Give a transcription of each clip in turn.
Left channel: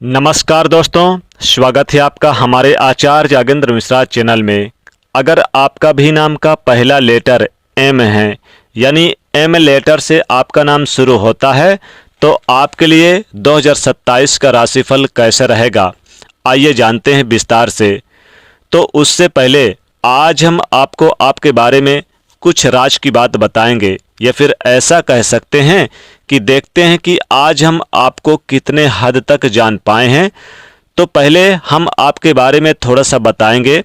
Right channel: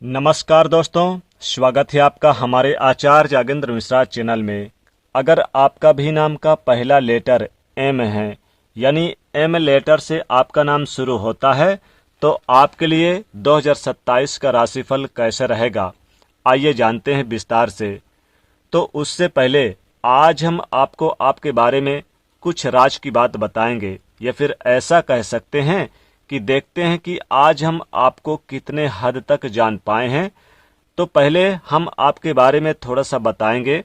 नमस्कार दोस्तों, स्वागत है आपका हमारे आचार्य जागेंद्र मिश्रा चैनल में। अगर आपका भी नाम का पहला लेटर एम है, यानी एम लेटर से आपका नाम शुरू होता है, तो आपके लिए 2027 का राशिफल कैसे रहेगा, आइए जानते हैं विस्तार से। तो उससे पहले आज हम आपको आपके बारे में कुछ राज की बात बताएंगे, या फिर ऐसा कह सकते हैं कि देखते हैं कि आज हम आपको कितने हद तक जान पाए हैं। तो पहले हम आपके बारे में थोड़ा सा बताएंगे,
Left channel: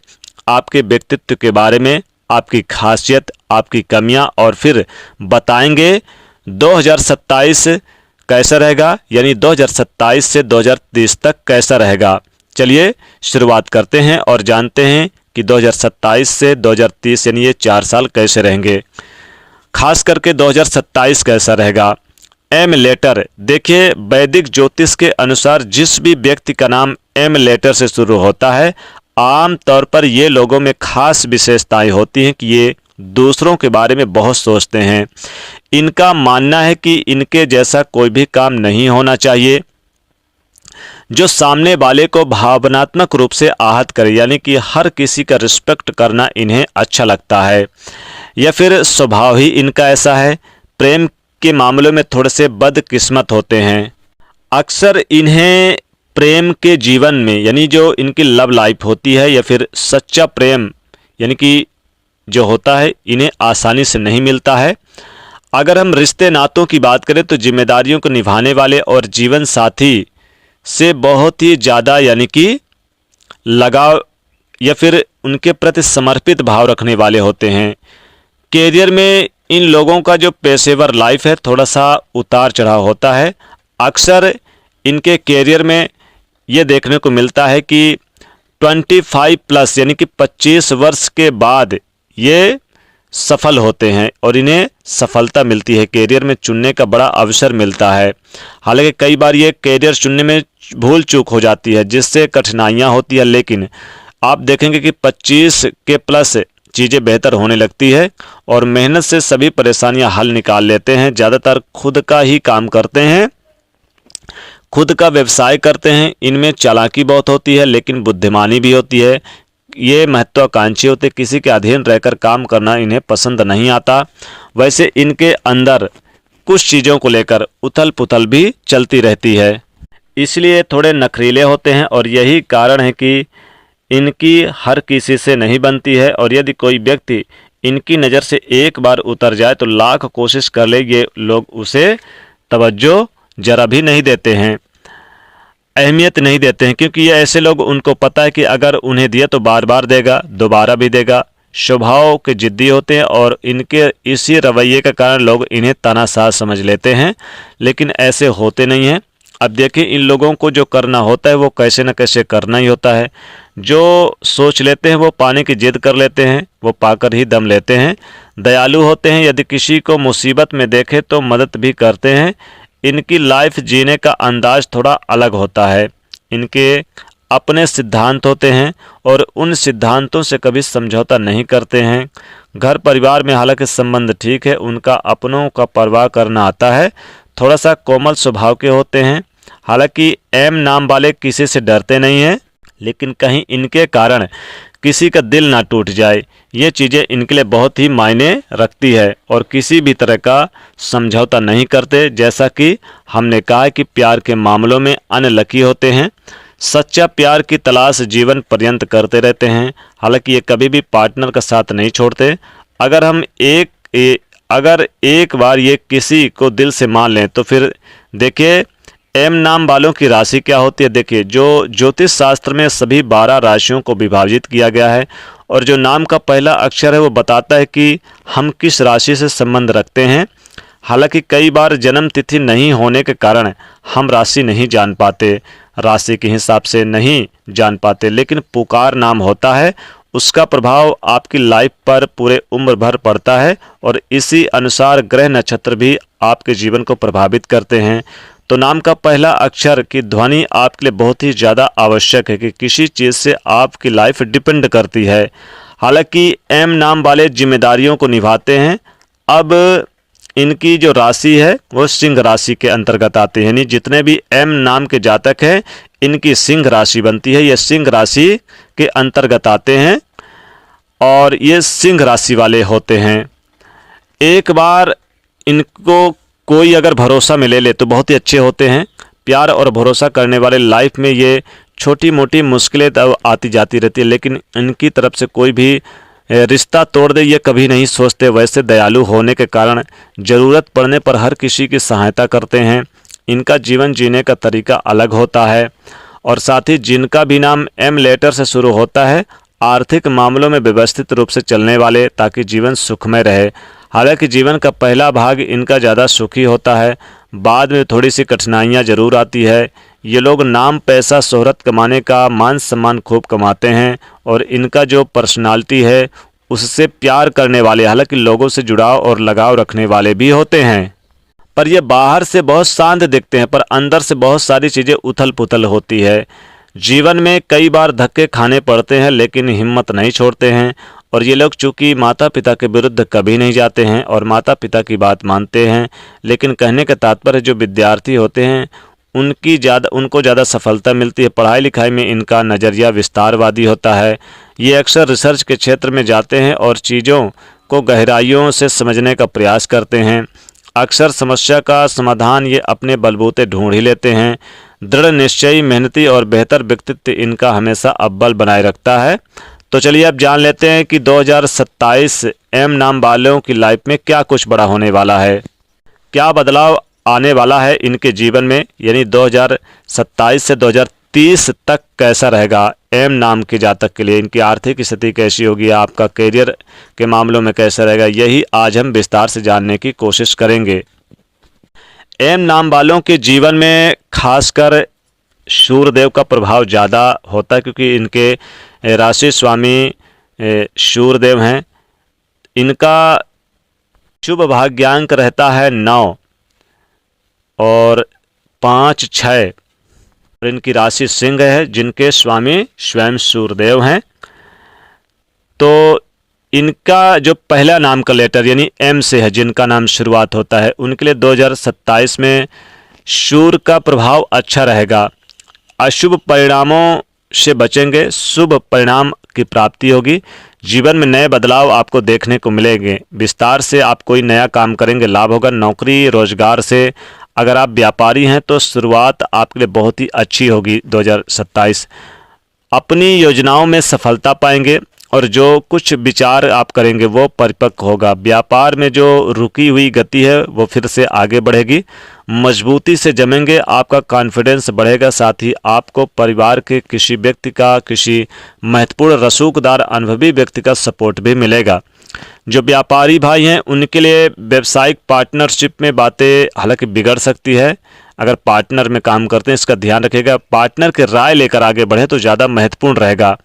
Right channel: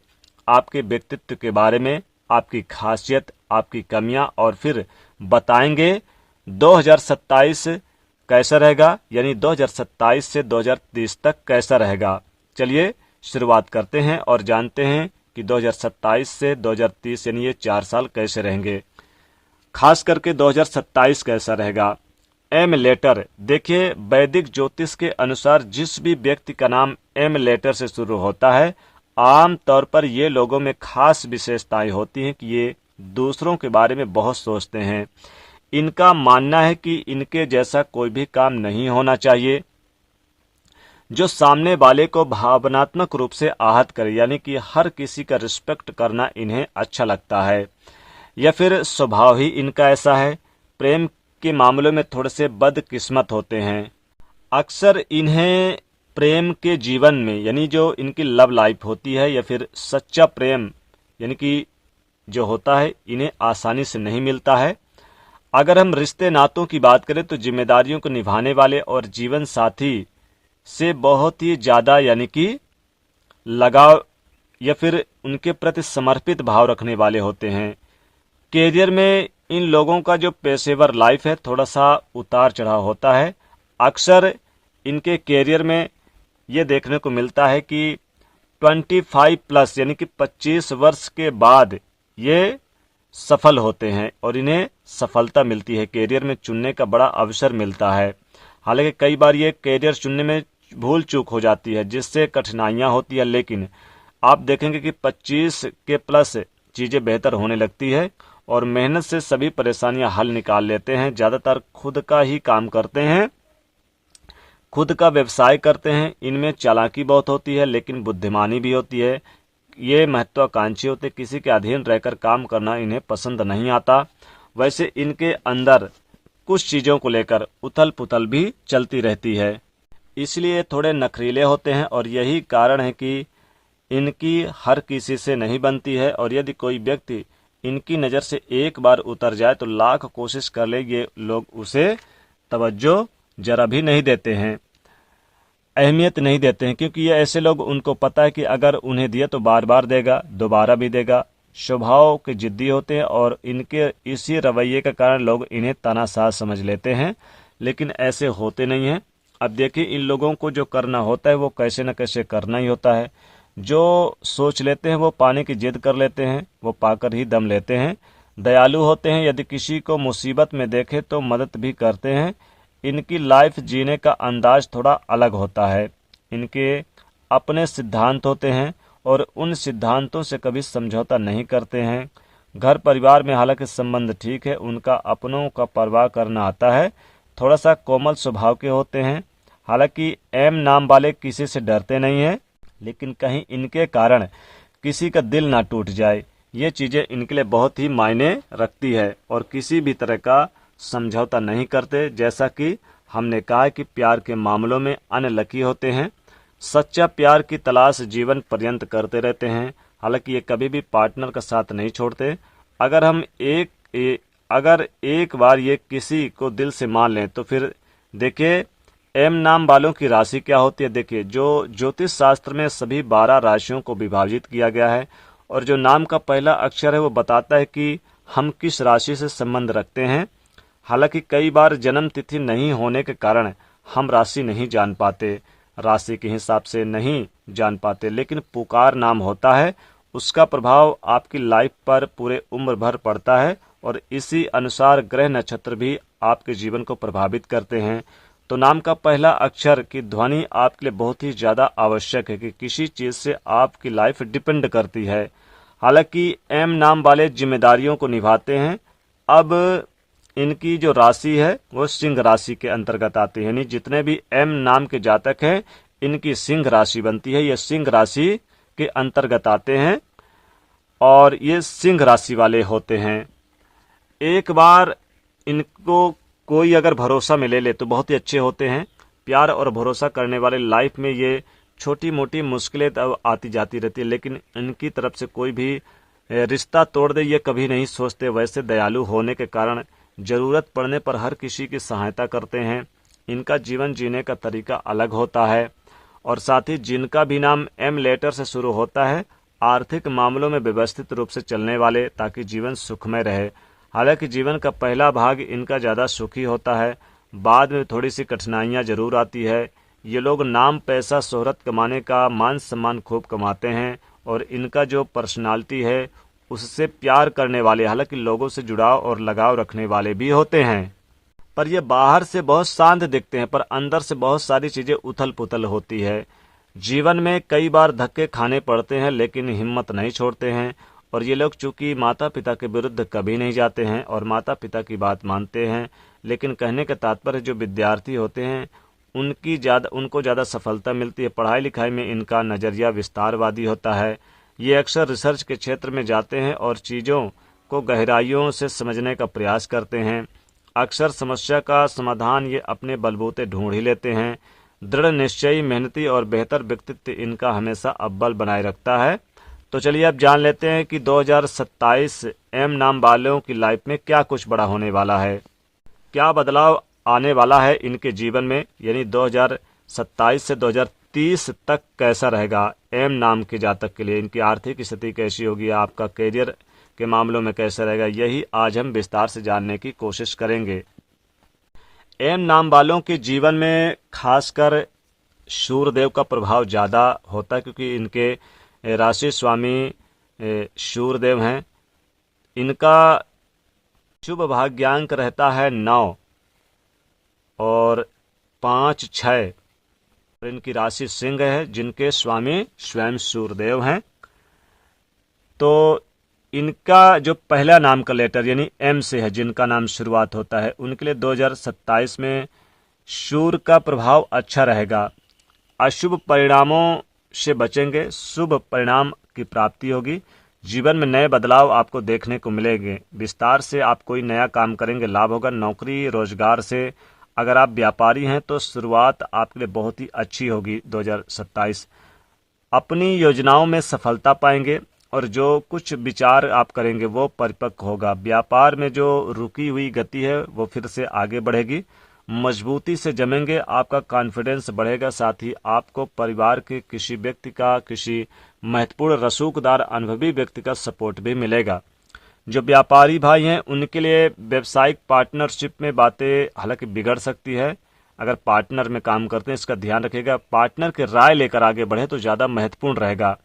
आपके व्यक्तित्व के बारे में, आपकी खासियत, आपकी कमियां, और फिर बताएंगे 2027 कैसा रहेगा, यानी 2027 से 2030 तक कैसा रहेगा। चलिए शुरुआत करते हैं और जानते हैं कि 2027 से 2030 यानी ये 4 साल कैसे रहेंगे। खास करके 2027 कैसा रहेगा। एम लेटर, देखिए वैदिक ज्योतिष के अनुसार जिस भी व्यक्ति का नाम एम लेटर से शुरू होता है, आम तौर पर ये लोगों में खास विशेषताएं होती हैं कि ये दूसरों के बारे में बहुत सोचते हैं। इनका मानना है कि इनके जैसा कोई भी काम नहीं होना चाहिए जो सामने वाले को भावनात्मक रूप से आहत करे, यानी कि हर किसी का रिस्पेक्ट करना इन्हें अच्छा लगता है, या फिर स्वभाव ही इनका ऐसा है। प्रेम के मामलों में थोड़े से बदकिस्मत होते हैं। अक्सर इन्हें प्रेम के जीवन में, यानी जो इनकी लव लाइफ होती है या फिर सच्चा प्रेम यानी कि जो होता है, इन्हें आसानी से नहीं मिलता है। अगर हम रिश्ते नातों की बात करें तो जिम्मेदारियों को निभाने वाले और जीवन साथी से बहुत ही ज़्यादा यानी कि लगाव या फिर उनके प्रति समर्पित भाव रखने वाले होते हैं। कैरियर में इन लोगों का जो पेशेवर लाइफ है थोड़ा सा उतार चढ़ाव होता है। अक्सर इनके कैरियर में ये देखने को मिलता है कि 25 प्लस यानी कि 25 वर्ष के बाद ये सफल होते हैं और इन्हें सफलता मिलती है, कैरियर में चुनने का बड़ा अवसर मिलता है। हालांकि कई बार ये कैरियर चुनने में भूल चूक हो जाती है जिससे कठिनाइयां होती है, लेकिन आप देखेंगे कि 25 के प्लस चीज़ें बेहतर होने लगती है और मेहनत से सभी परेशानियां हल निकाल लेते हैं। ज़्यादातर खुद का ही काम करते हैं, खुद का व्यवसाय करते हैं। इनमें चालाकी बहुत होती है लेकिन बुद्धिमानी भी होती है। ये महत्वाकांक्षी होते, किसी के अधीन रहकर काम करना इन्हें पसंद नहीं आता। वैसे इनके अंदर कुछ चीज़ों को लेकर उथल पुथल भी चलती रहती है, इसलिए थोड़े नखरीले होते हैं और यही कारण है कि इनकी हर किसी से नहीं बनती है। और यदि कोई व्यक्ति इनकी नज़र से एक बार उतर जाए तो लाख कोशिश कर ले, ये लोग उसे तवज्जो जरा भी नहीं देते हैं, अहमियत नहीं देते हैं, क्योंकि ये ऐसे लोग, उनको पता है कि अगर उन्हें दिया तो बार बार देगा, दोबारा भी देगा। स्वभाव के जिद्दी होते हैं और इनके इसी रवैये के कारण लोग इन्हें तानाशाह समझ लेते हैं, लेकिन ऐसे होते नहीं हैं। अब देखिए, इन लोगों को जो करना होता है वो कैसे न कैसे करना ही होता है। जो सोच लेते हैं वो पाने की जिद कर लेते हैं, वो पाकर ही दम लेते हैं। दयालु होते हैं, यदि किसी को मुसीबत में देखे तो मदद भी करते हैं। इनकी लाइफ जीने का अंदाज थोड़ा अलग होता है। इनके अपने सिद्धांत होते हैं और उन सिद्धांतों से कभी समझौता नहीं करते हैं। घर परिवार में हालांकि संबंध ठीक है, उनका अपनों का परवाह करना आता है। थोड़ा सा कोमल स्वभाव के होते हैं। हालांकि एम नाम वाले किसी से डरते नहीं हैं, लेकिन कहीं इनके कारण किसी का दिल ना टूट जाए, ये चीज़ें इनके लिए बहुत ही मायने रखती है और किसी भी तरह का समझौता नहीं करते। जैसा कि हमने कहा कि प्यार के मामलों में अनलकी होते हैं। सच्चा प्यार की तलाश जीवन पर्यंत करते रहते हैं। हालांकि ये कभी भी पार्टनर का साथ नहीं छोड़ते। अगर हम अगर एक बार ये किसी को दिल से मान लें तो फिर देखिए एम नाम वालों की राशि क्या होती है। देखिए, जो ज्योतिष शास्त्र में सभी 12 राशियों को विभाजित किया गया है और जो नाम का पहला अक्षर है वो बताता है कि हम किस राशि से संबंध रखते हैं। हालांकि कई बार जन्म तिथि नहीं होने के कारण हम राशि नहीं जान पाते, राशि के हिसाब से नहीं जान पाते, लेकिन पुकार नाम होता है, उसका प्रभाव आपकी लाइफ पर पूरे उम्र भर पड़ता है और इसी अनुसार ग्रह नक्षत्र भी आपके जीवन को प्रभावित करते हैं। तो नाम का पहला अक्षर की ध्वनि आपके लिए बहुत ही ज़्यादा आवश्यक है कि किसी चीज़ से आपकी लाइफ डिपेंड करती है। हालांकि एम नाम वाले जिम्मेदारियों को निभाते हैं। अब इनकी जो राशि है वो सिंह राशि के अंतर्गत आती है, यानी जितने भी एम नाम के जातक हैं इनकी सिंह राशि बनती है, ये सिंह राशि के अंतर्गत आते हैं और ये सिंह राशि वाले होते हैं। एक बार इनको कोई अगर भरोसा में ले ले तो बहुत ही अच्छे होते हैं। प्यार और भरोसा करने वाले लाइफ में ये छोटी मोटी मुश्किलें तो आती जाती रहती है, लेकिन इनकी तरफ से कोई भी रिश्ता तोड़ दे ये कभी नहीं सोचते। वैसे दयालु होने के कारण ज़रूरत पड़ने पर हर किसी की सहायता करते हैं। इनका जीवन जीने का तरीका अलग होता है। और साथ ही जिनका भी नाम एम लेटर से शुरू होता है आर्थिक मामलों में व्यवस्थित रूप से चलने वाले, ताकि जीवन सुखमय रहे। हालांकि जीवन का पहला भाग इनका ज़्यादा सुखी होता है, बाद में थोड़ी सी कठिनाइयाँ ज़रूर आती है। ये लोग नाम पैसा शोहरत कमाने का मान सम्मान खूब कमाते हैं और इनका जो पर्सनालिटी है उससे प्यार करने वाले, हालांकि लोगों से जुड़ाव और लगाव रखने वाले भी होते हैं। पर ये बाहर से बहुत शांत दिखते हैं, पर अंदर से बहुत सारी चीज़ें उथल पुथल होती है। जीवन में कई बार धक्के खाने पड़ते हैं लेकिन हिम्मत नहीं छोड़ते हैं। और ये लोग चूँकि माता पिता के विरुद्ध कभी नहीं जाते हैं और माता पिता की बात मानते हैं, लेकिन कहने का तात्पर्य जो विद्यार्थी होते हैं उनको ज़्यादा सफलता मिलती है। पढ़ाई लिखाई में इनका नज़रिया विस्तारवादी होता है। ये अक्सर रिसर्च के क्षेत्र में जाते हैं और चीज़ों को गहराइयों से समझने का प्रयास करते हैं। अक्सर समस्या का समाधान ये अपने बलबूते ढूंढ ही लेते हैं। दृढ़ निश्चयी, मेहनती और बेहतर व्यक्तित्व इनका हमेशा अव्वल बनाए रखता है। तो चलिए अब जान लेते हैं कि 2027 एम नाम वालों की लाइफ में क्या कुछ बड़ा होने वाला है, क्या बदलाव आने वाला है इनके जीवन में, यानी 2027 से 2030 तक कैसा रहेगा एम नाम के जातक के लिए। इनकी आर्थिक स्थिति कैसी होगी, आपका करियर के मामलों में कैसा रहेगा, यही आज हम विस्तार से जानने की कोशिश करेंगे। एम नाम वालों के जीवन में खासकर सूर्यदेव का प्रभाव ज़्यादा होता है, क्योंकि इनके राशि स्वामी सूर्यदेव हैं। इनका शुभ भाग्यांक रहता है 9 और 5, 6। और इनकी राशि सिंह है जिनके स्वामी स्वयं सूर्यदेव हैं। तो इनका जो पहला नाम का लेटर यानी एम से है, जिनका नाम शुरुआत होता है, उनके लिए 2027 में सूर्य का प्रभाव अच्छा रहेगा। अशुभ परिणामों से बचेंगे, शुभ परिणाम की प्राप्ति होगी। जीवन में नए बदलाव आपको देखने को मिलेंगे। विस्तार से आप कोई नया काम करेंगे, लाभ होगा। नौकरी रोजगार से अगर आप व्यापारी हैं तो शुरुआत आपके लिए बहुत ही अच्छी होगी 2027। अपनी योजनाओं में सफलता पाएंगे और जो कुछ विचार आप करेंगे वो परिपक्व होगा। व्यापार में जो रुकी हुई गति है वो फिर से आगे बढ़ेगी। मजबूती से जमेंगे, आपका कॉन्फिडेंस बढ़ेगा। साथ ही आपको परिवार के किसी व्यक्ति का, किसी महत्वपूर्ण रसूखदार अनुभवी व्यक्ति का सपोर्ट भी मिलेगा। जो व्यापारी भाई हैं उनके लिए व्यावसायिक पार्टनरशिप में बातें हालांकि बिगड़ सकती है। अगर पार्टनर में काम करते हैं इसका ध्यान रखिएगा। पार्टनर की राय लेकर आगे बढ़े तो ज़्यादा महत्वपूर्ण रहेगा,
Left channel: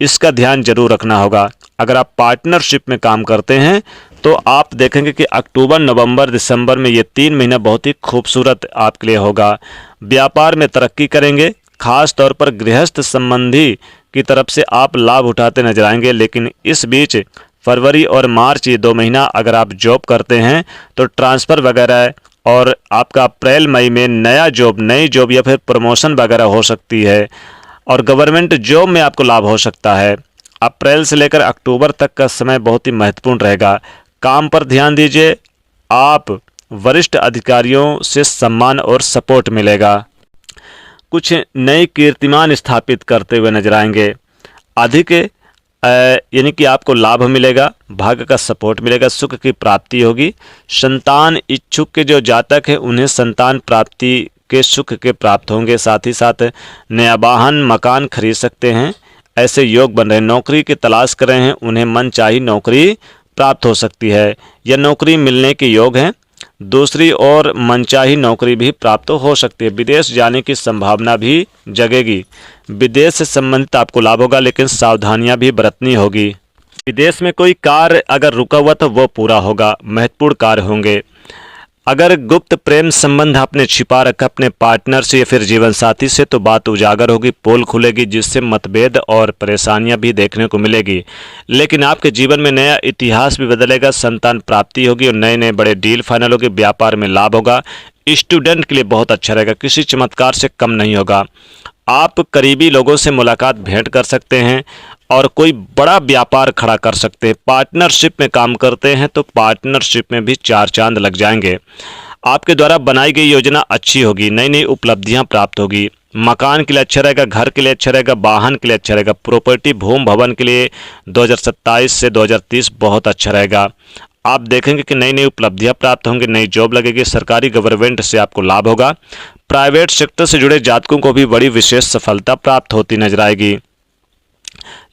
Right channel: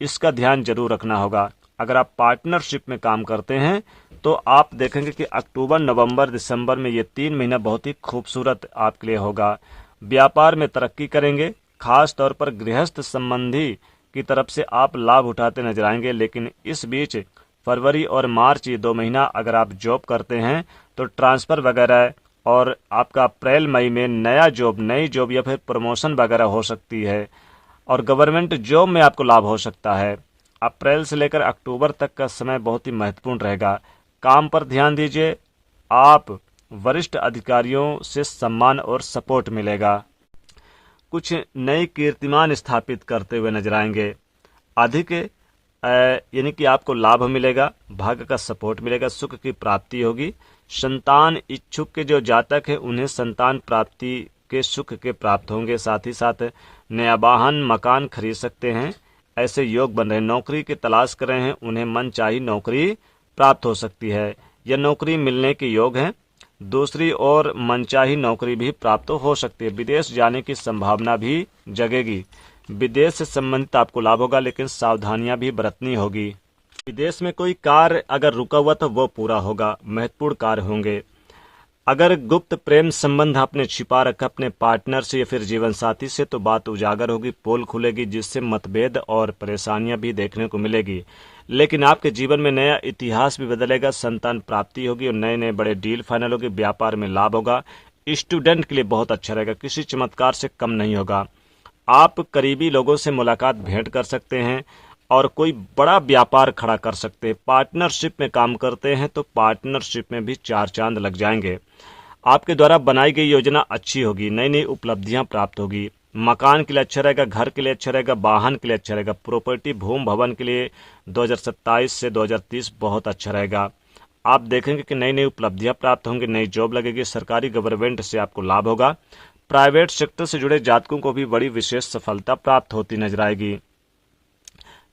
इसका ध्यान जरूर रखना होगा। अगर आप पार्टनरशिप में काम करते हैं तो आप देखेंगे कि अक्टूबर, नवंबर, दिसंबर में ये 3 महीना बहुत ही खूबसूरत आपके लिए होगा। व्यापार में तरक्की करेंगे, खास तौर पर गृहस्थ संबंधी की तरफ से आप लाभ उठाते नजर आएंगे। लेकिन इस बीच फरवरी और मार्च ये 2 महीना अगर आप जॉब करते हैं तो ट्रांसफ़र वगैरह, और आपका अप्रैल मई में नई जॉब या फिर प्रमोशन वगैरह हो सकती है। और गवर्नमेंट जॉब में आपको लाभ हो सकता है। अप्रैल से लेकर अक्टूबर तक का समय बहुत ही महत्वपूर्ण रहेगा। काम पर ध्यान दीजिए, आप वरिष्ठ अधिकारियों से सम्मान और सपोर्ट मिलेगा। कुछ नई कीर्तिमान स्थापित करते हुए नजर आएंगे। अधिक यानी कि आपको लाभ मिलेगा, भाग्य का सपोर्ट मिलेगा, सुख की प्राप्ति होगी। संतान इच्छुक के जो जातक हैं उन्हें संतान प्राप्ति के सुख के प्राप्त होंगे। साथ ही साथ नया वाहन, मकान खरीद सकते हैं, ऐसे योग बन रहे हैं। नौकरी की तलाश कर रहे हैं, उन्हें मनचाही नौकरी प्राप्त हो सकती है या नौकरी मिलने के योग हैं। दूसरी ओर मनचाही नौकरी भी प्राप्त हो सकती है। विदेश जाने की संभावना भी जगेगी। विदेश से संबंधित आपको लाभ होगा, लेकिन सावधानियां भी बरतनी होगी। विदेश में कोई कार्य अगर रुका हुआ तो वो पूरा होगा, महत्वपूर्ण कार्य होंगे। अगर गुप्त प्रेम संबंध आपने छिपा रखा अपने पार्टनर से या फिर जीवन साथी से, तो बात उजागर होगी, पोल खुलेगी, जिससे मतभेद और परेशानियां भी देखने को मिलेगी। लेकिन आपके जीवन में नया इतिहास भी बदलेगा, संतान प्राप्ति होगी और नए नए बड़े डील फाइनल होगी, व्यापार में लाभ होगा। स्टूडेंट के लिए बहुत अच्छा रहेगा, किसी चमत्कार से कम नहीं होगा। आप करीबी लोगों से मुलाकात भेंट कर सकते हैं और कोई बड़ा व्यापार खड़ा कर सकते हैं। पार्टनरशिप में काम करते हैं तो पार्टनरशिप में भी चार चांद लग जाएंगे। आपके द्वारा बनाई गई योजना अच्छी होगी, नई नई उपलब्धियां प्राप्त होगी। मकान के लिए अच्छा रहेगा, घर के लिए अच्छा रहेगा, वाहन के लिए अच्छा रहेगा, प्रॉपर्टी भूमि भवन के लिए 2027 से 2030 बहुत अच्छा रहेगा। आप देखेंगे कि नई नई उपलब्धियां प्राप्त होंगी, नई जॉब लगेगी, सरकारी गवर्नमेंट से आपको लाभ होगा। प्राइवेट सेक्टर से जुड़े जातकों को भी बड़ी विशेष सफलता प्राप्त होती नजर आएगी।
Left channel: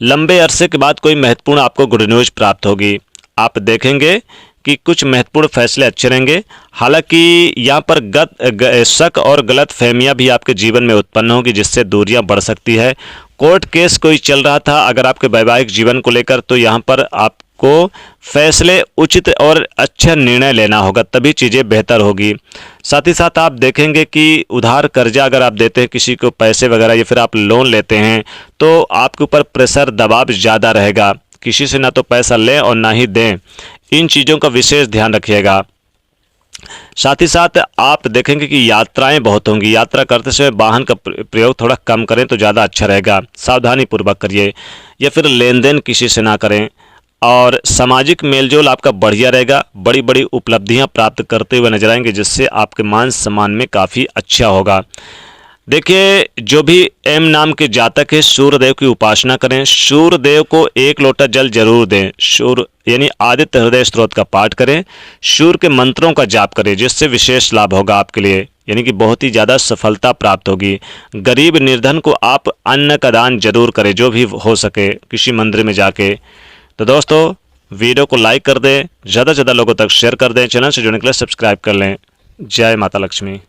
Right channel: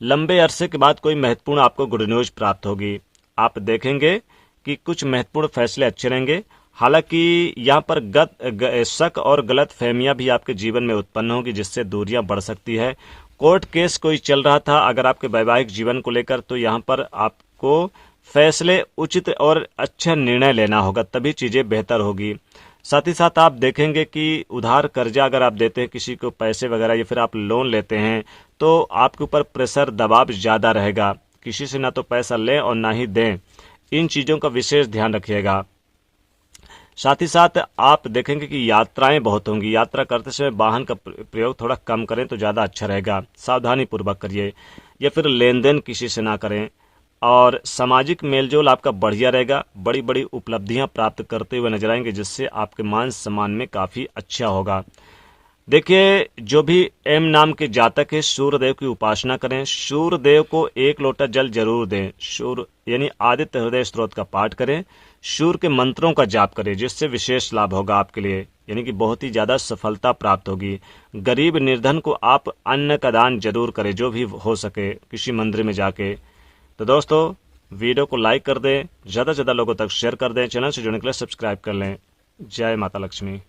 लंबे अरसे के बाद कोई महत्वपूर्ण आपको गुड न्यूज प्राप्त होगी। आप देखेंगे कि कुछ महत्वपूर्ण फैसले अच्छे रहेंगे। हालांकि यहाँ पर शक और गलत फहमियाँ भी आपके जीवन में उत्पन्न होगी, जिससे दूरियां बढ़ सकती है। कोर्ट केस कोई चल रहा था अगर आपके वैवाहिक जीवन को लेकर, तो यहाँ पर आपको फैसले उचित और अच्छा निर्णय लेना होगा, तभी चीज़ें बेहतर होगी। साथ ही साथ आप देखेंगे कि उधार कर्जा अगर आप देते हैं किसी को पैसे वगैरह, या फिर आप लोन लेते हैं, तो आपके ऊपर प्रेशर दबाव ज़्यादा रहेगा। किसी से ना तो पैसा लें और ना ही दें, इन चीज़ों का विशेष ध्यान रखिएगा। साथ ही साथ आप देखेंगे कि यात्राएं बहुत होंगी। यात्रा करते समय वाहन का प्रयोग थोड़ा कम करें तो ज़्यादा अच्छा रहेगा। सावधानी पूर्वक करिए, या फिर लेन देन किसी से ना करें। और सामाजिक मेलजोल आपका बढ़िया रहेगा, बड़ी बड़ी उपलब्धियां प्राप्त करते हुए नजर आएंगे, जिससे आपके मान सम्मान में काफ़ी अच्छा होगा। देखिए, जो भी एम नाम के जातक है, सूर्यदेव की उपासना करें। सूर्यदेव को 1 लोटा जल जरूर दें। सूर्य यानी आदित्य हृदय स्त्रोत का पाठ करें। सूर्य के मंत्रों का जाप करें, जिससे विशेष लाभ होगा आपके लिए, यानी कि बहुत ही ज़्यादा सफलता प्राप्त होगी। गरीब निर्धन को आप अन्न का दान जरूर करें, जो भी हो सके, किसी मंदिर में जाके। तो दोस्तों, वीडियो को लाइक कर दें, ज़्यादा से ज़्यादा लोगों तक शेयर कर दें, चैनल से जुड़ने के लिए सब्सक्राइब कर लें। जय माता लक्ष्मी।